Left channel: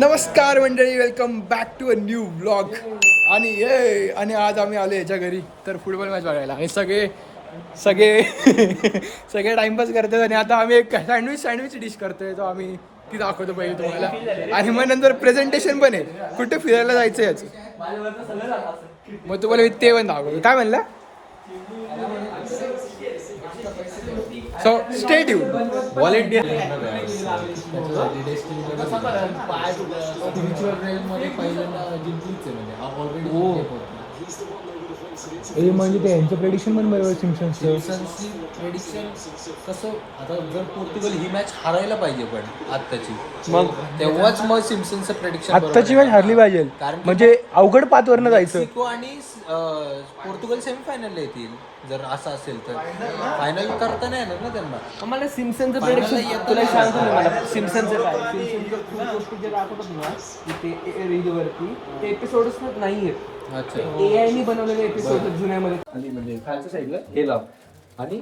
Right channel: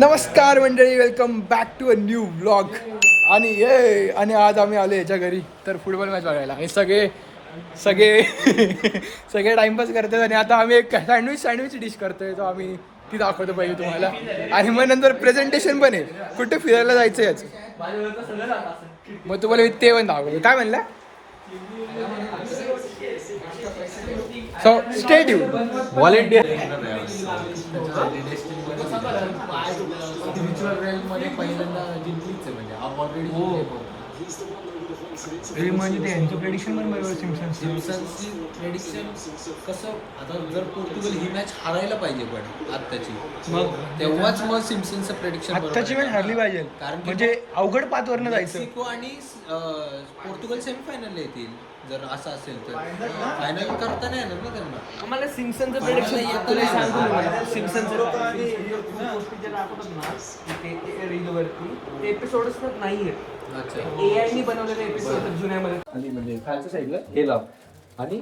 नमस्कार मंडळी, welcome back to a new vlog. आणि आज आम्ही आलो याच्या घरी तर फुटबॉल मॅच बघायला. आणि सगळे सगळे सगळे टाइमपास करतात. आणि आता आम्ही एक सँडविच डिश करतोय, तो आम्ही ती दाखवतो पहिले तुम्हाला. आणि मग नंतर प्रेझेंटेशन पण आहे, कुठे फिरायला जायचं याचं. मग तुम्हाला मी ते पण दाखवतो. काय म्हणलं? So stay tuned. व्हॉलेंटियर म्हणजे ते यांचं प्रेडिक्शन पण बरोबर. सिम्पसन्सचं कसं आता जर पोर्तुगल ही मॅच हरायला पाहिजे पण आत्ताची, मग तेव्हाच मग सिम्पसनचं प्रेडिक्शन आत्ताची मॅच हरली पाहिजे, कारण म्हणजे अवघड पाचवरनं जायचं. मेक्सिको आणि पोर्तुगल सेमीफायनल येतील. जर असं असेल तर फायनल करता नाही येणार ना त्यांना. आम्हाला सिम्पसनचं Final ला प्रेडिक्शन येतं तुला नाही सांगतो येणार. मी. मला सिम्पसनचं काय गोष्टी दाखवतात ना ते रीलवरती, ते एपिसोडच नाही आहेत. अच्छा, एआयनी बनवलेले एपिसोड जुन्यामध्ये. आणि म्हणजे खालच्या साईडला हे लाव आणि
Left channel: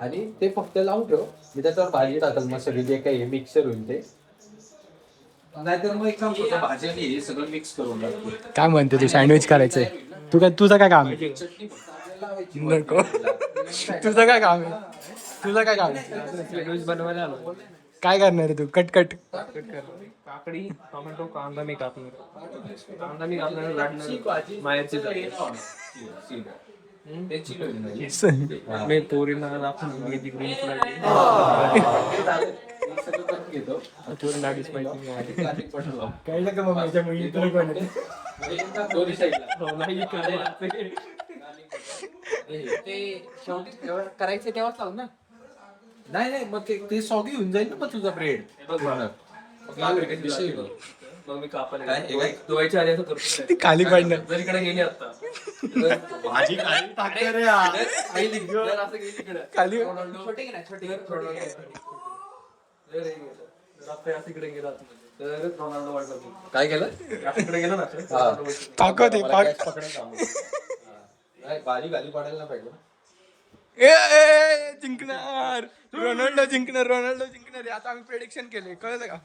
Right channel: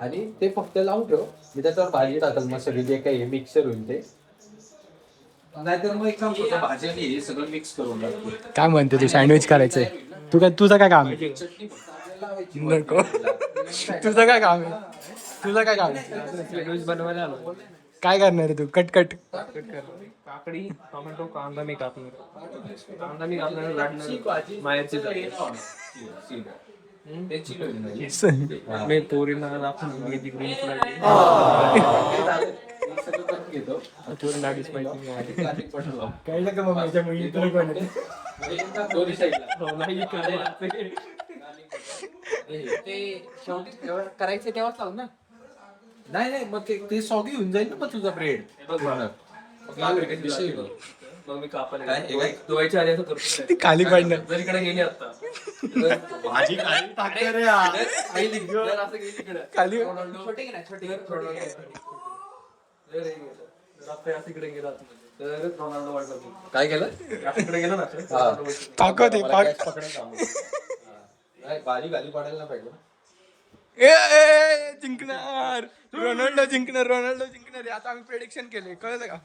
आणि ते फक्त लावून ठेव. मी त्याच्यावर भाजी टाकल, मग सगळी जे काही मिक्सर होईल ते. नाहीतर मग एक काम करतो, भाजी आणि हे सगळं मिक्स करून टाकतो. काय म्हणते तू? सँडविच करायचंय? तुझं काय काम आहे? चटणी लावायची. नको. तुझं काय काम आहे? तुझं काय काम आहे? सँडविच बनवायला आलो. काय करणार आहे तू? कट काकडी, टोमॅटो, कांदा मी कापणार. कांदा मी कापणार, लाटणार. मायाची मी तोरीला आपण ग्रीन घेतो. तोरी लागलीच पाहिजे. काय नका मग माझ्या मुली तुला कोण आहे? ते शेवटी करायचं तेव्हाच लावून ना. नाही नाही, मग ते सॉगी होऊन जाईल ना मग तुझा ब्रेड. मग मी कापायला धुवायच्या आधी असं करतो. ती खाली पडणार. जर इकडे गेली आता भाजी खाली इकडे गेला तर रोनाल्डो वाटतो. काय केलं? इकडे गेला ना ताकद आहे, भाजी खाली पडायला नाही पाहिजे. जिंकणार रोनाल्डो जिंकणार. आता आम्ही प्रेडिक्शन केले, कळलं का?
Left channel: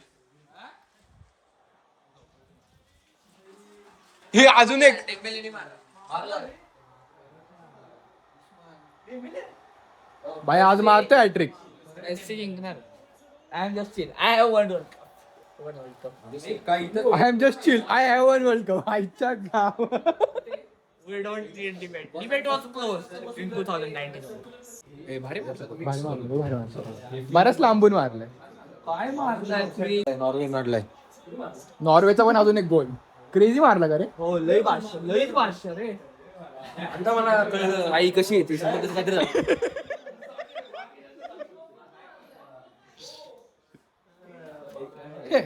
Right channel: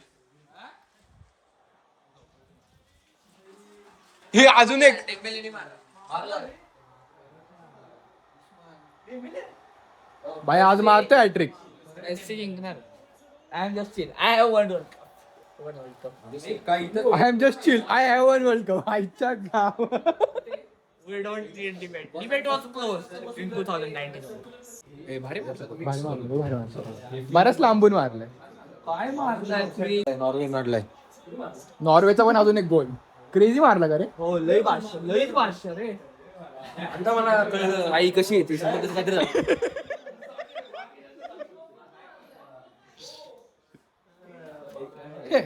हे अजून एक भाई आज मारतोय hat-trick. I am just chill. I have one world cup. I am just chill. I have one world cup. आईच्या गाव. We don't need debate. Debate was close in 2019. बरंच लांबून मारलंय. काय मारलाय? नॉर्वे नडलाय. नॉर्वेचा पण अजून एक गोल क्रेझी मारला का रे? हो, लई भाषा रे. आता मला कळलं आई कशी येते. काहीतरी झालं.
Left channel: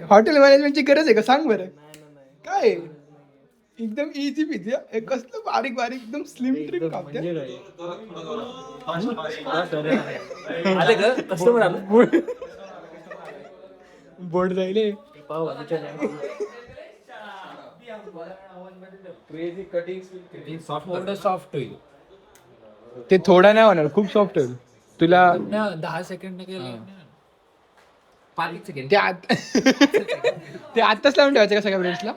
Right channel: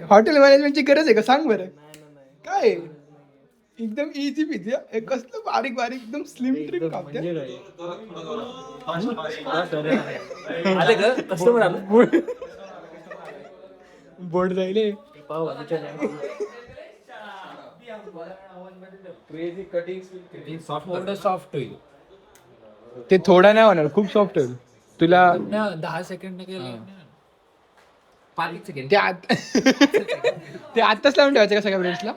हॉटेल मॅनेजमेंटची गरज आहे का? सांग बरं. काय एकदम इझी पिझी. कसलं बारीक बारीक एकदम स्लिम ट्रिप कापते. आले का कस्टमर आलं. बोर्ड जाईल. सॉफ्ट होईल. ते थोडा नाही होणार, खूप सॉफ्ट होईल. तुला 10 सेकंड केले. 5 सेकंड ते ते आत्ताच लावून ठेवायचं का सगळ्या ब्रेड्सला?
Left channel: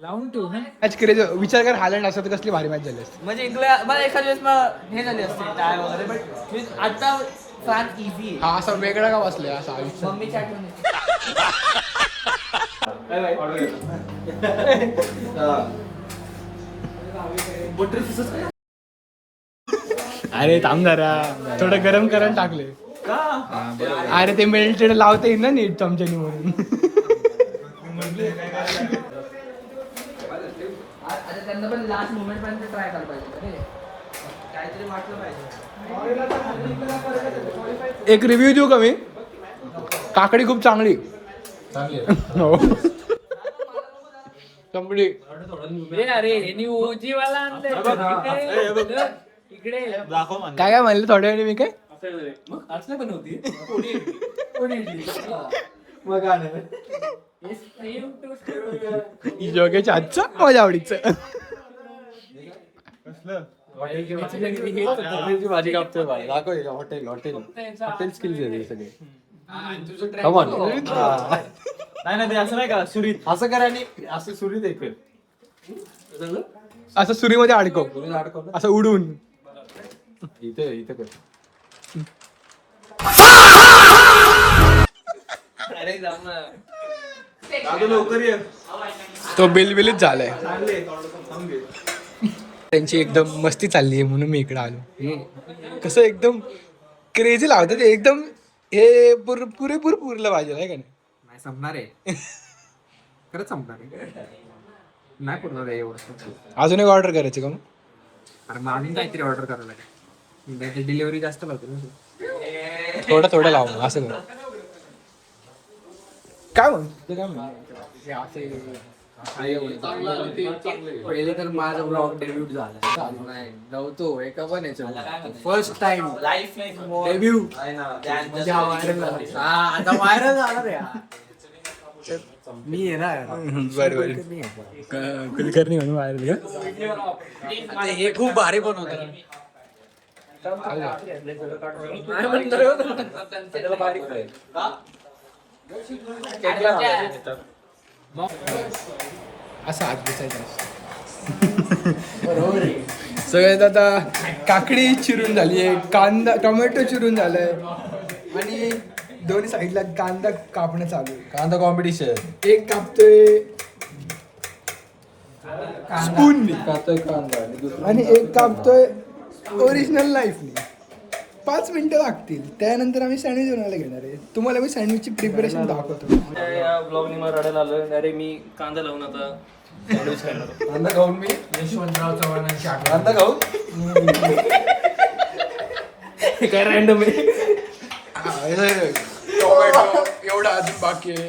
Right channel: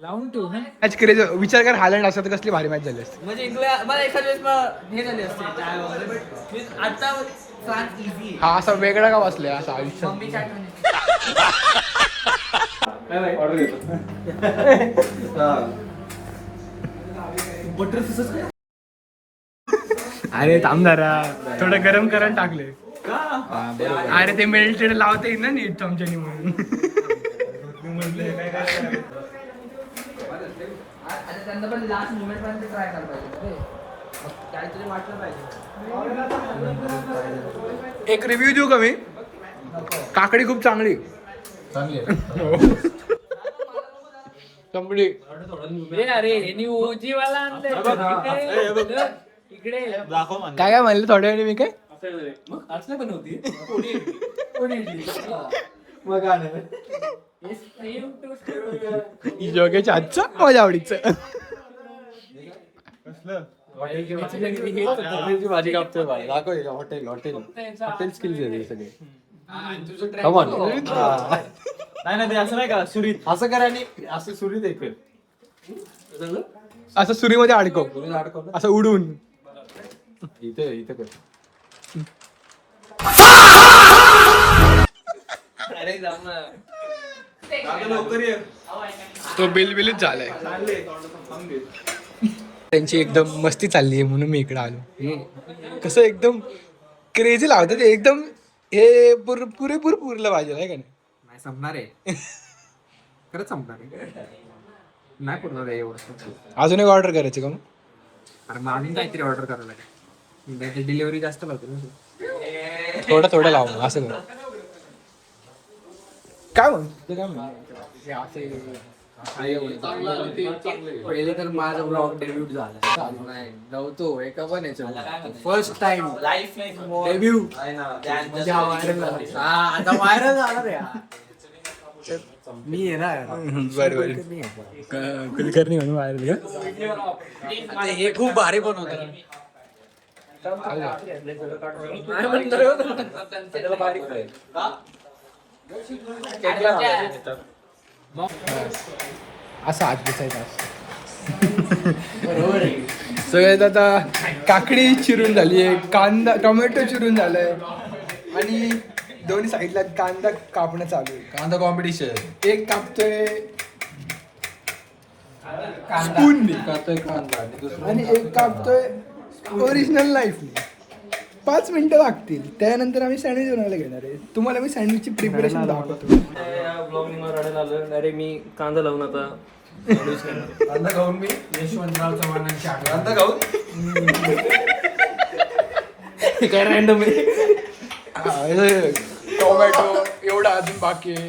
लावून ठेवू ना. Match crazy. विचार कर, हायलंड असतं तर कसली भारी मॅच झाली असती. म्हणजे इंग्लंड मला एखाद्या वेळेस हे झाले असते टाय वगैरे, बट आता फ्रान्स इझी. हा असा वेगळा का बसलाय असं आयुष्य. मम्मीच्या अरे थांब जरा, थोडं गरम करायला टाकले. अरे ते मेल्टेड लावता येईल ना नीट चमच्यानी म्हणून. त्यांना पण लास्ट मुवमेंट पर्यंत ट्राय करायला पाहिजे. काहीतरी वाटलं पाहिजे. एक रिव्ह्यू देऊ का मी? काकडी खूप चांगली. कंप्लीट. अरे ओजीवाला आणलंय इकडे. काय काय म्हणलं थोड्या वेळी मी? काय असलं पण होती. जोगेच्या आजचा माझ्या आवडीचं. भाजी कापतोय. हॉटेल हॉटेल हॉटेल स्किल्स आहे सगळे. Come on. नाही ते असं नाही का सुरीत असं करा आणि असं सुरी देखील असं सुरीमध्ये अडकव असं उडून इथे इथे कर. अरे जाऊ ना तो बिलबिलीच झालाय त्यांची एकदम मस्ती चालली आहे म्हणून मी इकडे आलो कसं एकदम क्रेझी लावतात ते एकदम हे पुरेपूर पुरलं पाहिजे आहे का नाही नाही संपणार आहे खरंच संपणार आहे नाही पुरणार आहे एवढं अजून एक ऑर्डर करायची का मग अरे मग अजून काहीतरी ऑर्डर करावं लागेल डिलिव्हरी जास्त लागते ना थोडं लाव मग, असं कर काय मग ते काय म्हण पहिले तर माझा ब्लॉग डेब्यूट झाला नाही नव्हतो एका पण याच्या फर्स्ट टाइम लाईफ डेब्यू आता व्हायरल झाला रे मी आहे ना बरं कुलकर्णी म्हणून व्हायरल का हे खूप भारी बनवतात असं आत दिसायचं सगळ्यात आता काकडी चिरून झाली आहे कांदा टोमॅटो चिरून झालाय आणि दोन्ही साईडला कांदा कापणं चालू आहे कांदा कॉम्पिटिशन एक कापतोय स्पून कांदा आणि दुसरं आणि एक कापतोय ओरिजिनल लाईफने 5 मिनिटं लागतील त्यानंतर आम्ही सँडविच बनवायला घेणार आहे तुम्हाला मी सँडविचची प्रिपरेशन दाखवतो या ब्लॉगनी मला रडायला आलं अरे मी कांदा लावून आता सँडविच करणार कांदा खाऊन मी यशवंतराव चव्हाणांची आठवण कांदा खाऊन काय रँडम आहे टोमॅटो एवढा अजून बाकी आहे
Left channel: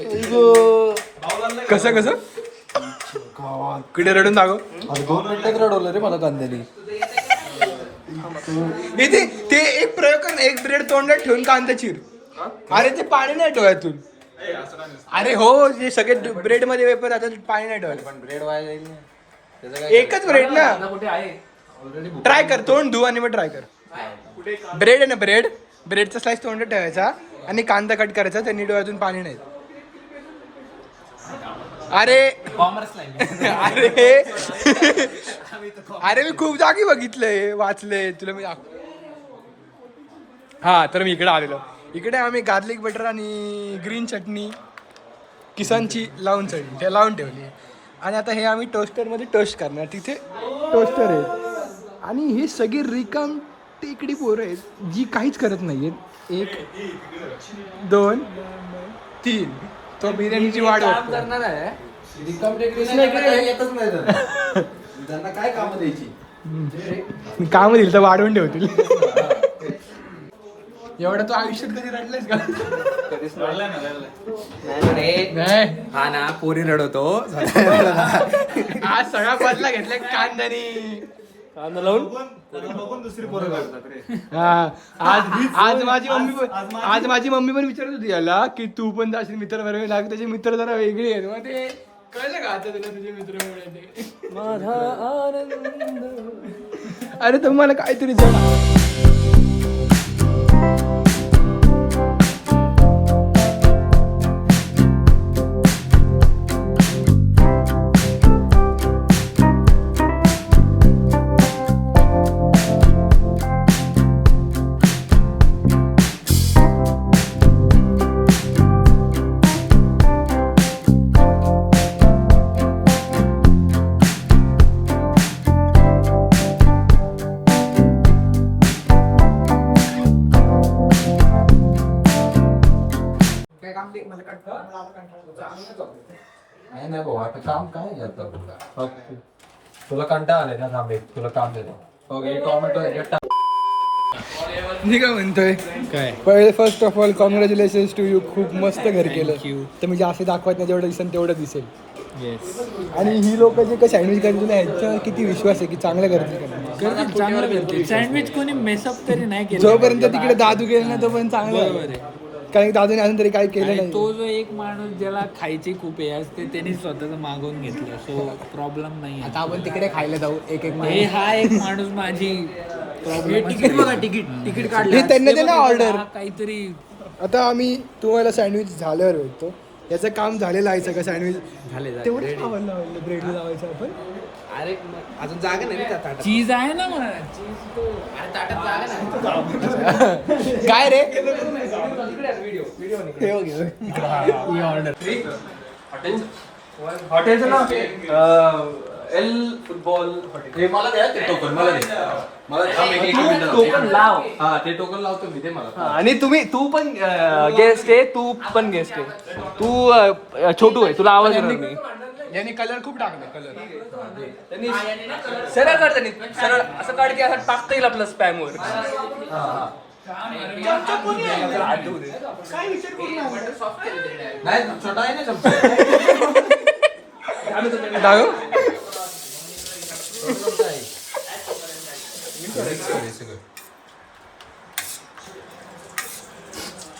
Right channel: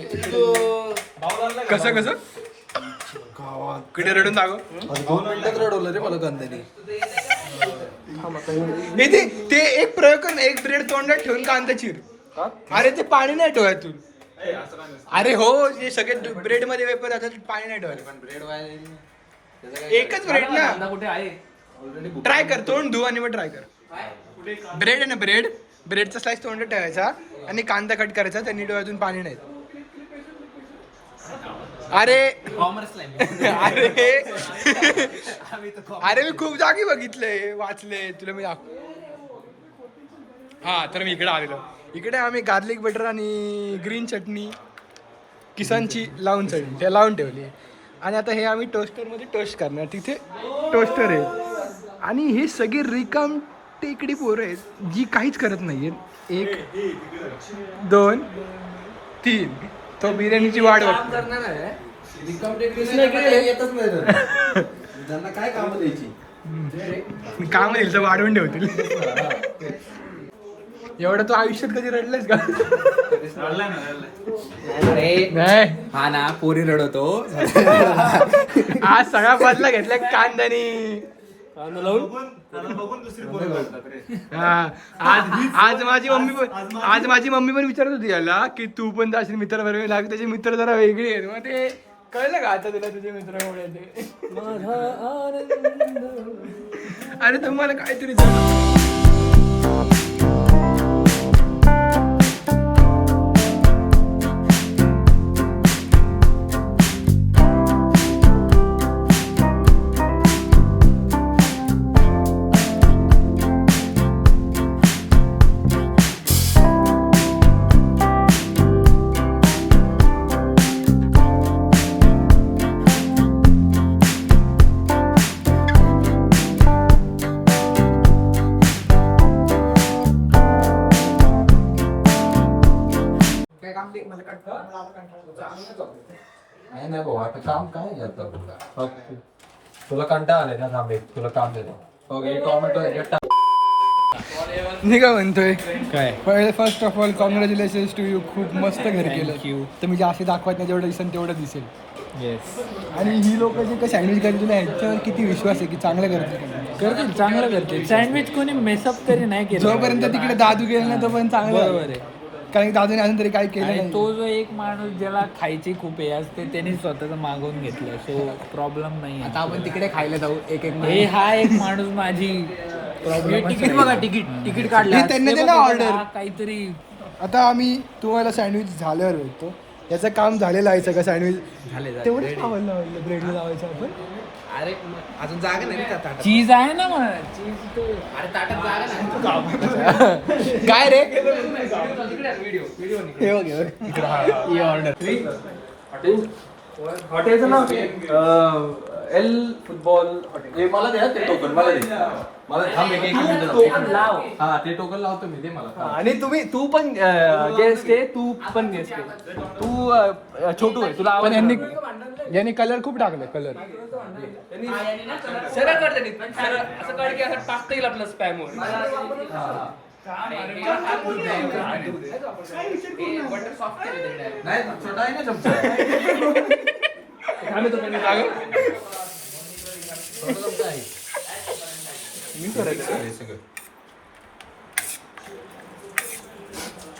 कसं किती रडून दाखव 2 मिनिटात रडवलं रे मला कांद्याने ते एक प्रयोग कर ना, एक ब्रेड तोंडात ठेवून कांदा चिर अरे ते पाणी नाही ठेवायतून अरे हो जे सगळे ब्रेड मध्ये वेपर राहतात पाणी नाही ठेवायचं ब्रेड व्हायला जाईल ना त्याचं काय एकच ब्रेड ना कुठे आहे ट्राय कर तोंड धु आणि मग ट्राय कर ब्रेड आहे ना ब्रेडचा स्लाइस तोंडात ठेवायचा आणि कांदा कट करायचा त्यांनी डोळ्यातून पाणी नाही अरे अरे मी खूप जागी बघितलंय वाचलंय तुला मी हा तर मी इकडे आलेलो इकडे आम्ही गार्लिक बटर आणि ग्रीन चटणी किसानची लावून चटणी ते लावून ठेवली आणि आता हे आम्ही टोस्टरमध्ये टोस्ट करणार तिथे टोस्टर आहे आणि हे सगळे रिकाम टेकडी पोरं आहेत जी काहीच करत नाही आहेत 1 2 3 तो बिर्याणीची वाट बघतो करणार आहे रिकाम टेकडी येतच नाही तर. त्यांना काय कामं द्यायची मी काम दिलं तर वाढवून ठेवतील एवढं तू आयुष्यात कधी रडलायस का नाही हा ना पोरी रडवतो आज सगळा बदला घेतलाय कांद्यानी कांदा लावून हा आज माझी मम्मी पण विचारत होती याला की तू पण जाशील मित्र बरोबर लाग त्याचे मित्र जरा वेगळे आहेत मग ते कळलं का आता तुला तुझे मित्र एवढे माझा आनंद अरे तुम्हाला काहीतरी जण नाही भाऊ आता काम काय करतो तुला कंटाळा आलाय ना थांबे तुला काम देतो ओके टोमॅटो मी काय म्हणतोय काय पहिले first of all congratulations to you खूप मस्त घर केलं तर मी जास्त दाखवत नाही जेवढं दिसेल तेवढं दिसेल येस आणि ही लोक जे काही सँडविच करतील तुला ह्याच्यावर किती विश्वास आहे की चांगलं करतील का नाही? करतील चांगलं करतील सँडविच कोणी मेसअप तरी नाही केलं जोपर्यंत तिकडे दादू गेला नाही तोपर्यंत चांगलं आहे. बरोबर आहे कारण की दादूने अजून तरी काही केलं आणि नाही तो जो एक माणूस ज्याला खायची खूप हे असते त्यांनी स्वतःच मागवून घेतलं सो प्रॉब्लेम नाही आता आपण तिकडे खायला जाऊ एक हे हा एक माणूस माझी प्रॉब्लेम तिकीट बघा तिकीट हे त्यांनी दिलं ऑर्डर काहीतरी आता आम्ही तुम्हाला सँडविच झाल्यावर भेटतो. याचं काम झालेलं आहे सगळं सँडविच तेवढंच आवडलं ब्रेडला लावायचं आपण. अरे अजून जागा नाही का ताटात? चीज आहे ना मग काय रे व्हिडिओ हे बघ, हे बघ. हॉटेलचं नाव एल फुटबॉल हॉटेल. मला द्या ते टोकन, मला दे. मला थांब एक मिनिट. टोकन लाव. हा ते टोकन लावतो मी, ते मला. आणि तू पण गेस्ट आहे, तू पण गेस्ट आहे. तू छोटू आहे, तुला आवाज येणार नाही. याने कलर खूप टाकले कलर. सरळ काढ त्यांनी, सरळ असं काढ की असं टाकता येईल आपलं स्पॅम वर. नाही छोटा आहे ना चमचा.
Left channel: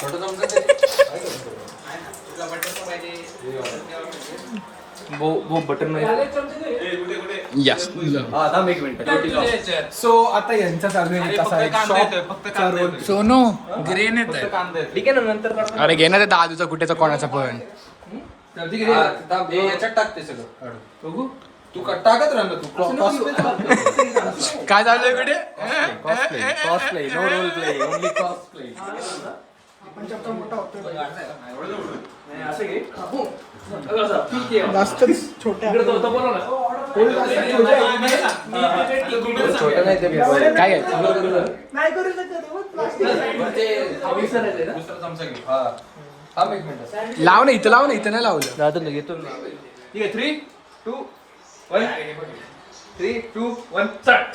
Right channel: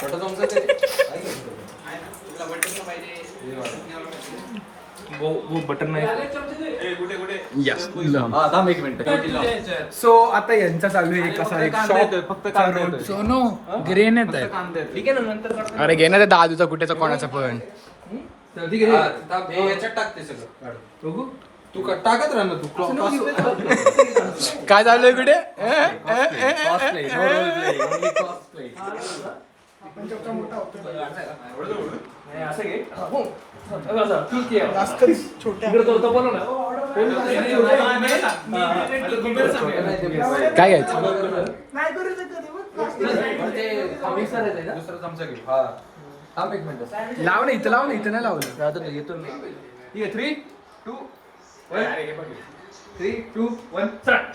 छोटा चमचा वो बटन नाही. यस. हा थांब एक मिनिट. सो आता यांचा चालू आहे एक असा एक शॉप. फक्त सोनू ग्रेन येत ठीक आहे ना, नंतर काढ. अरे घे ना ते दादूचा कुठेचा कोणाचा पण. ठीक आहे. थांब, हे याच्यात टाकते सगळं काढ. बघू तू टाकत राह ना तू. क्रॉस काय चालू आहे कुठे play, no role play, only cross play. इकडे तो होता बोला ना. काय दुसरा चमचा घेऊ. हा थांब एक मिनिट. लाव ना इथं, लाव ना इथं नाही लावलं. घेतो ठीक आहे. 3, 2, 1. 3, 2, 1 स्टार्ट.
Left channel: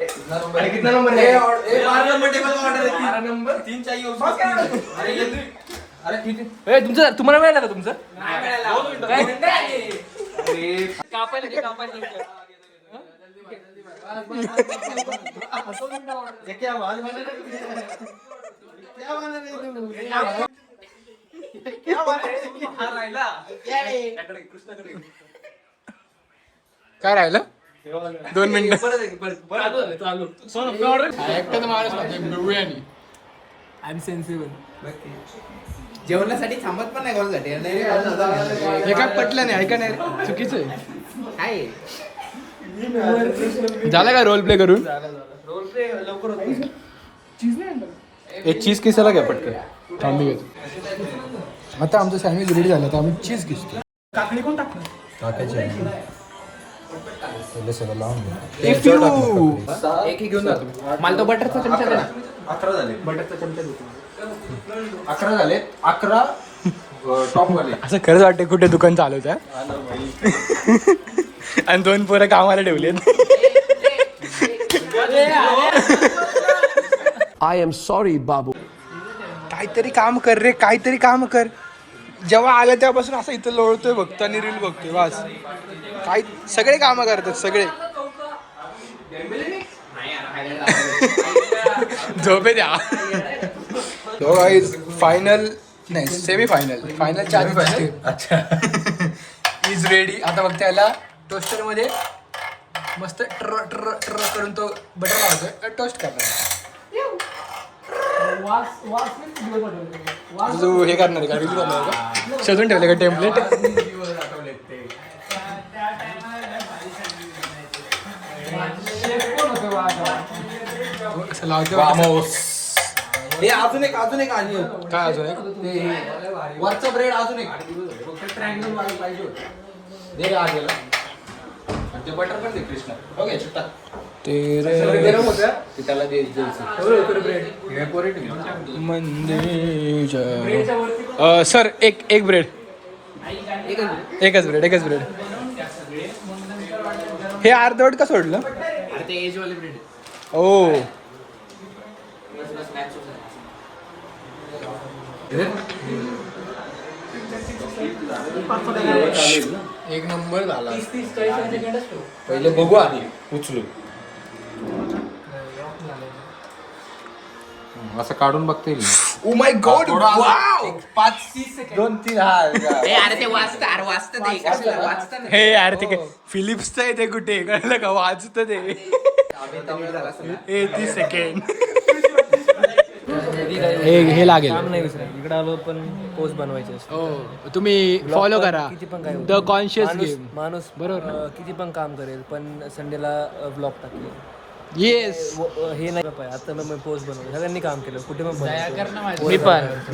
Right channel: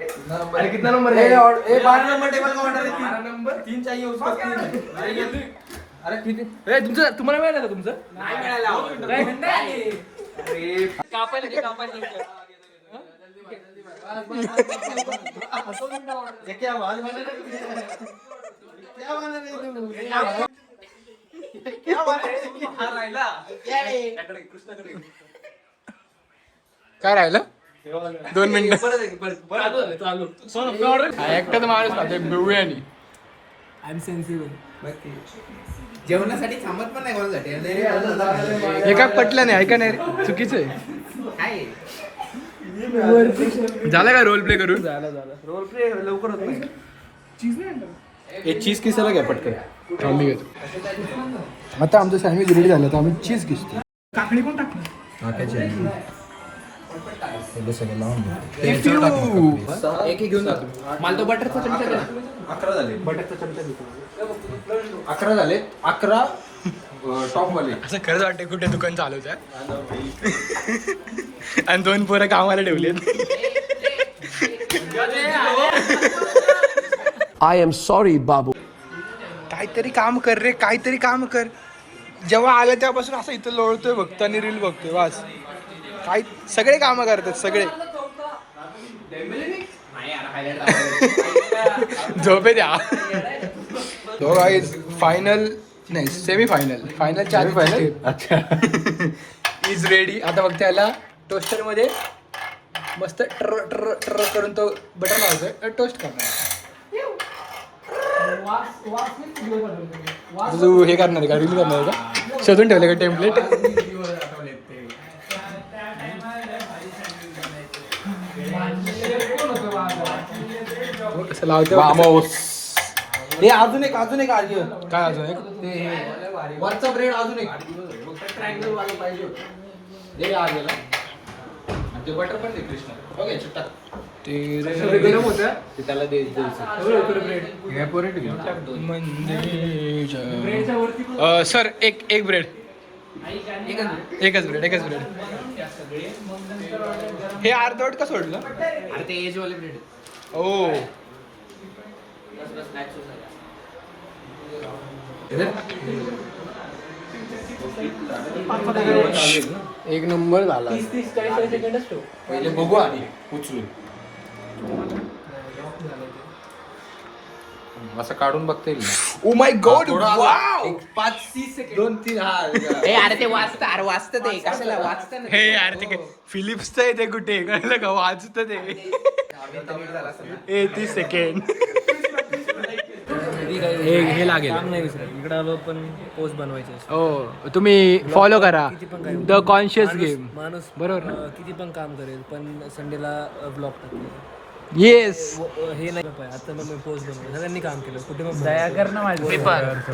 अरे कितना नंबर है? 12 नंबर टेबल का ऑर्डर है. 12 नंबर 3 चाहिए उसको. अरे किती तुम्हाला मिळालं का तुमचं? अरे कापायला घे, कापायला घे. ये क्या आवाज बना रहा है? क्या बना रहे तू? क्या बना रहे? हा राहिला. काय राहिलं 2 मिनिटं. चालू. एकटं माझ्याच लागते बिर्याणी. I am sensible. जेवणासाठी थांबत पण नाही कोणासाठी. हे काय पटलं नाही, ऐका नाही रे. चुकीचं आहे. झाला का रोल प्ले करून? रोल प्ले लवकर होत नाही. एक चीज किसायला घ्या पटकन. थांबी घेतो. आता आमचं सँडविच रेडी झालं तर आम्ही चीज किसतो. काकडी कोण टाकलं? एक घेऊन जातो. मला तो बटरचा चमचा दे ना. 11 झाले. बटरचा चमचा देतो. 11 झाले. 11 टॉप वाले. असं खरंच वाटतं कुठे दुकान चालवत आहे. आणि 2 पोरं कामाला ठेवले. I am sorry, Babu. काहीतरी काम कर रे, काहीतरी काम कर. जेव्हा आलं तेव्हापासून असं इथं लोळतोय बघतो आणि रील बघतोय वास. काही सगळे कामं करतात सगळे. झोपे द्या. तो गाईज फायनल नाही सेमी फायनल 4 अच्छा. Is ready. आता बघ त्याला टोस्टर मध्ये मस्त ट्र ट्र ट्र करून तो बटर लावतोय, टोस्ट करणार. तू हे करणार आहे का, रील करणार आहे का, शोधून ठेवले का टेम्पलेट? कसं लावतो? हे अजून एक काय अजून एक? वरचा ब्रेड अजून एक ट्रायंगल वाला पाहिजे होतं. दे का आजला म्हणजे बटर पण दे कृष्णा. ओके चित्ता गरम होतं. ते त्याला दे ब्रेड हे पोरी ठेव. सर एक ब्रेड, एकच ब्रेड. हे अर्धवट का सोडलं? ते एज वाले ब्रेड. ओ एक नंबर झाला. 30-40 सेकंड असतो. पहिले बघू आधी उचलून असं काढून बघता येईल. Oh my God, wow. 5-30 second 2-3 हा अरे ते वाचतं ते कसं वाचतं ना. हे यार ते फिलिप्सचं आहे ते, कुठे कळलं का, वाचतं ते. 30 सेकंड. कधी काही हे लागेल. काम नाही विसरत. इकडे आलो पण पोस्ट बनवायचे असते. हो तुम्ही फॉलो करा किती पण काय द कॉन्शियस माणूस- गेम. माणूस बरोबर ना? किती पण काम करेल पण संडेला ब्लॉग टाकले येस. हे नाही पाहिजे. आता मी पोस्ट बनवलं सगळ्यांनी काम केलं कुठे पण बनवतो.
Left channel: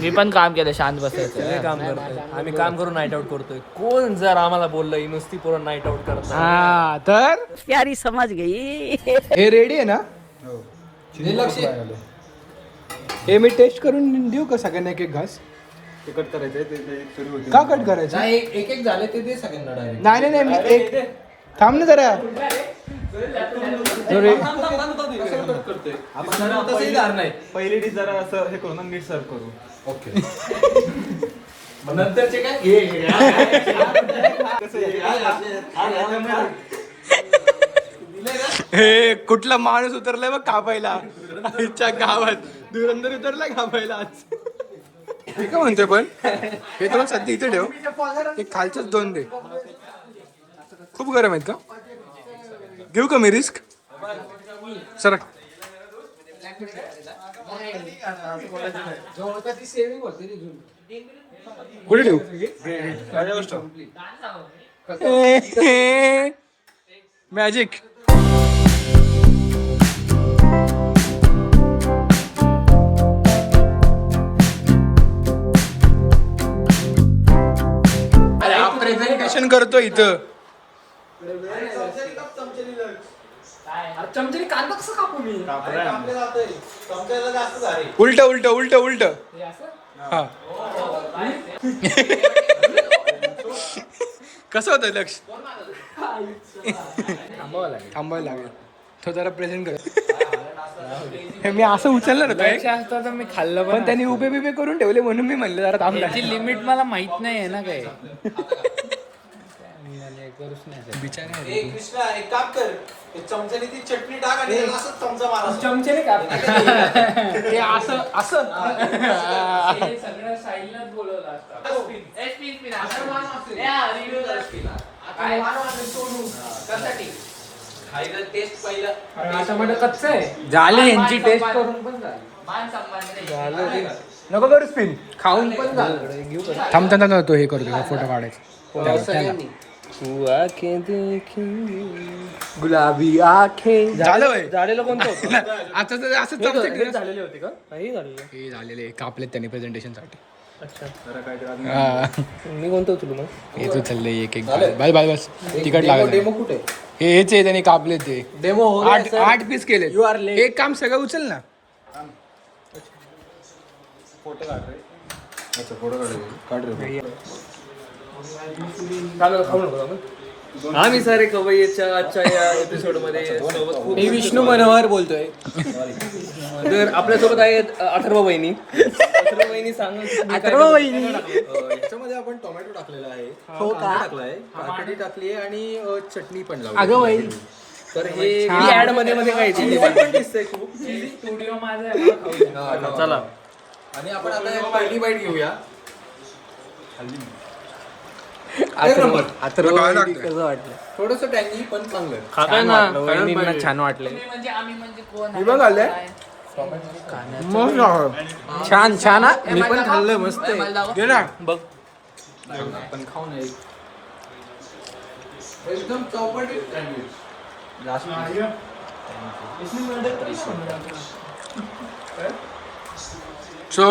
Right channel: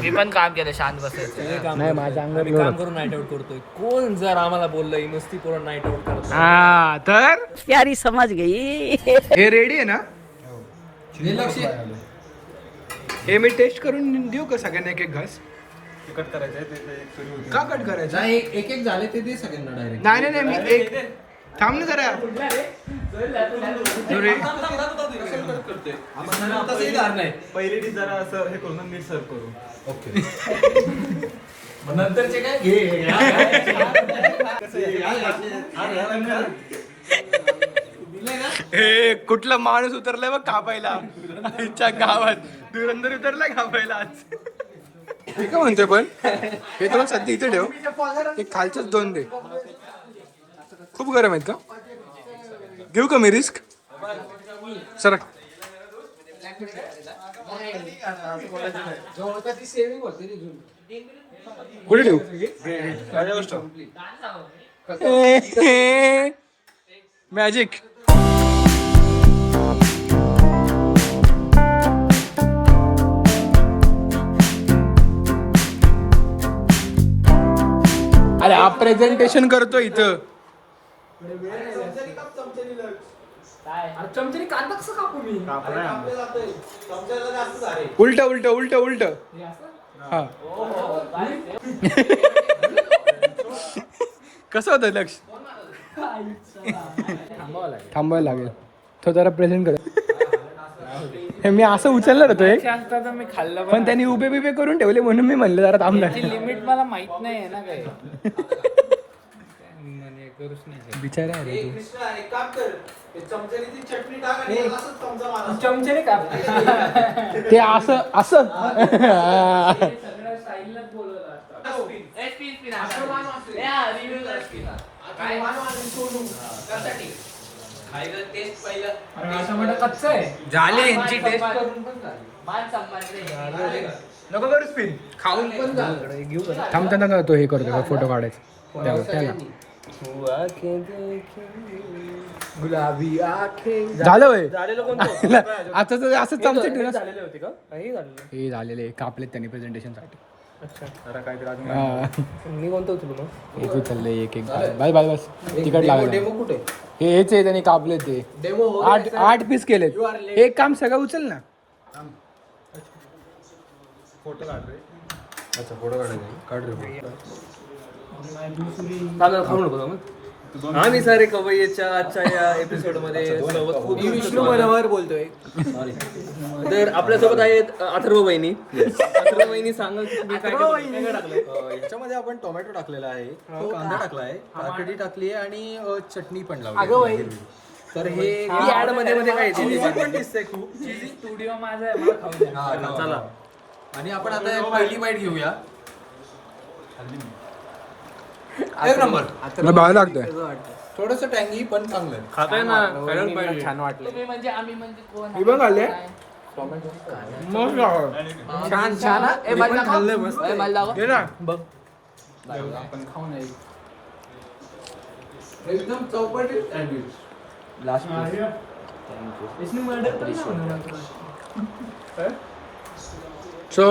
मी पण काम केलं शांत बसायचं. सगळे काम करतात आम्ही काम करून नाईट आउट करतोय. कोण जर आम्हाला बोललं नुसती पोरं नाईट आउट करतात हा तर प्यारी समझ गई. हे रेडी आहे ना? हे मी टेस्ट करून देऊ का सगळ्यांना एक एक घास? कट करायचं का कट करायचं? एक एक झाले ते दे सगळ्यांना डायरेक्ट. नाही नाही नाही मी एक थांब ना जरा. जो रे- पहिली डिश जरा असं हे करू ना मी सर्व करू. ओके. नंतरचे काय हे कुठला माणूस उतरलाय बघ कापायला आमच्या गावात. धुरंधर उतरलाय कापायला आज. हे काय म्हणतोय पण हे दोन सध्या इथे ठेव. एक खालचंच दोन दे. खूप गरम आहेत का? घेऊ का मी रिस्क? सर कुठे ठेवू? मॅजिक. अरे हा प्रेझेंटेशन करतो इथं. उलट उलट उलट उलट. हा कसं होतं लक्ष? थांबायला लागेल. तो जरा प्रेझेंट कर. हे मी असं उचललं ना तो एक तर मी खाल्लं पण त्यांनी उभे बिबे करून ठेवले म्हणून मी म्हणलं जरा थांबला. लिमिट मला माहित नाही ना काही. करूच नाही बिचारे चमच्याने काप. ते असं असं सगळं साईडलाच बोलवलं असतं. कच्चं आहे झाले यांची टेस्ट नको करू स्पिन. खाऊन पण झालं. घेऊ का? थांब थांब थांब. तो हे करतो फोटो काढायचा त्याला गुलाबी आखे झालं होय. झालेलं कोणतं आता तर असं चमचे झालेले होते का काही झालेले. हे झालेले कापलेत त्यांनी प्रेझेंटेशन साठी. अच्छा हा. मी कोणतं उचलू मग. हे तू चाललंय एक एक बस बस बस तिकट लागलं. कुठे हे हेच आहे त्यांनी कापले ते डेमो 8 पीस केले. एक काम सगळं उचल ना. अच्छा फोटो काढ. खाऊ नको मग. आम्ही सारे कवय्याच्या आजच्या या एपिसोड मध्ये सोबत मी विष्णू मनोहर बोलतोय. तर आपल्यासोबत आहेत अथर्व वहिनी. अथर्व वहिनी सांगा याच्यामध्ये आपण टोमॅटो टाकलेला आहे, कांदा टाकला आहे, काकडी टाकली आहे आणि चटणी पण लावली. अगं बाई. तर हे ऍड मध्ये मध्ये काय पण दिसतंय खूप. स्टुडिओ माझा आहे, मला खाऊ द्या. चला आणि आपण आता एक पहिली बाईट घेऊया. भाव लागतोय. थोडस टँगी पण चांगलं. खाताय ना छान वाटले. हे बघ आले छान छान हा. मी पण खाल्लं मस्त. घे ना. बघ पण खाऊन येईल. एकदम चौपटीत सँडविच. सो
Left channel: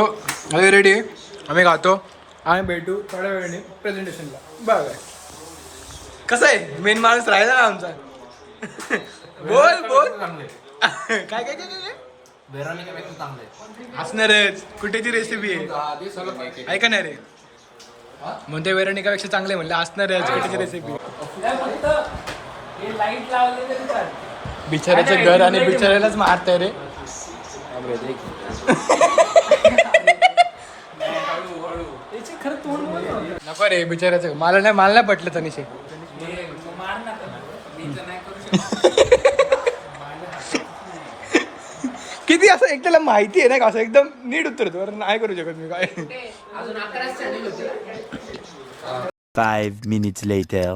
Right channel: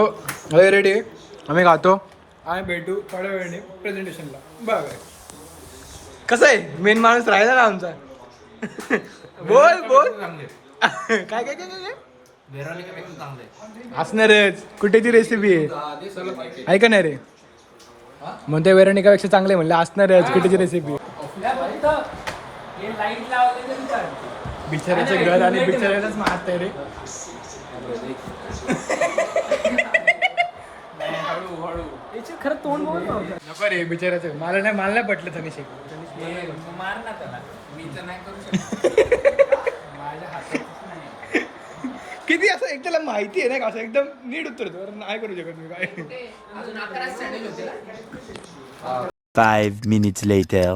हे रेडी आहे. आम्ही खातो आणि भेटू थोड्या वेळाने प्रेझेंटेशनला. बघ कसं आहे मेन माणूस राहिला ना आमचा. बोल बोल काय काय काय काय असणारच. कुठे ती रेसिपी आहे ऐका ना रे. म्हणते वेरणिकापेक्षा चांगले म्हणलं असणारच कुठेची रेसिपी. बिचाऱ्याचं घर आणि बिचाऱ्यालाच मारताय रे. खरं तोंड नको रे बिचाऱ्याचं. मला नाही पटलं तनिष. किती असं एकट्याला माहिती आहे ना का असं एकदम नीट उतरतो. नाही करू शकत मी काय. 5 minutes later.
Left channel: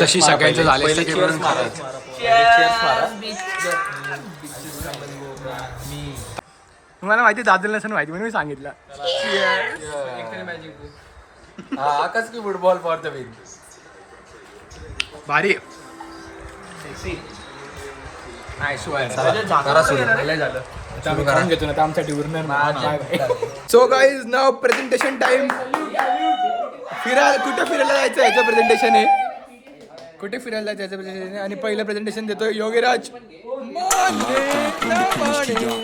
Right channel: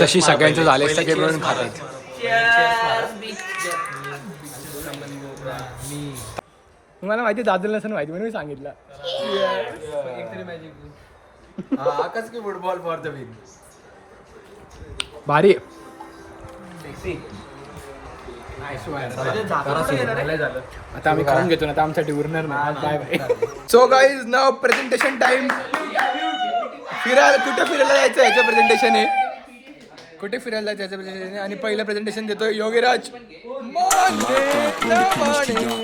तशी सगळ्यांचं झालंय सगळे मिळून खातात. मला माहिती दादल नसेल माहिती म्हणून मी सांगितलं. आकाश की फुटबॉल फॉर द विन. भारी. आता आम्ही खाऊन घेतो ना, आता आमच्यासाठी उरणार नाही. सो गाईज नाव प्रेझेंटेशन टाइम. कुठे फिरायला जायचं याचं प्रेझेंटेशन आहे. कुठे फिरायला जायचं प्रेझेंटेशन आहे आणि पहिलं प्रेझेंटेशन देतोय Yogiraj.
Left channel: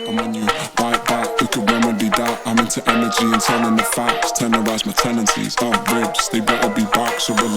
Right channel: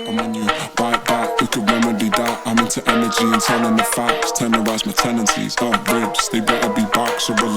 I'm on you, bite back, we could remedy that. I'm into energy and telling the facts, tenderize my tendencies. Ribs, they better be back, so relax.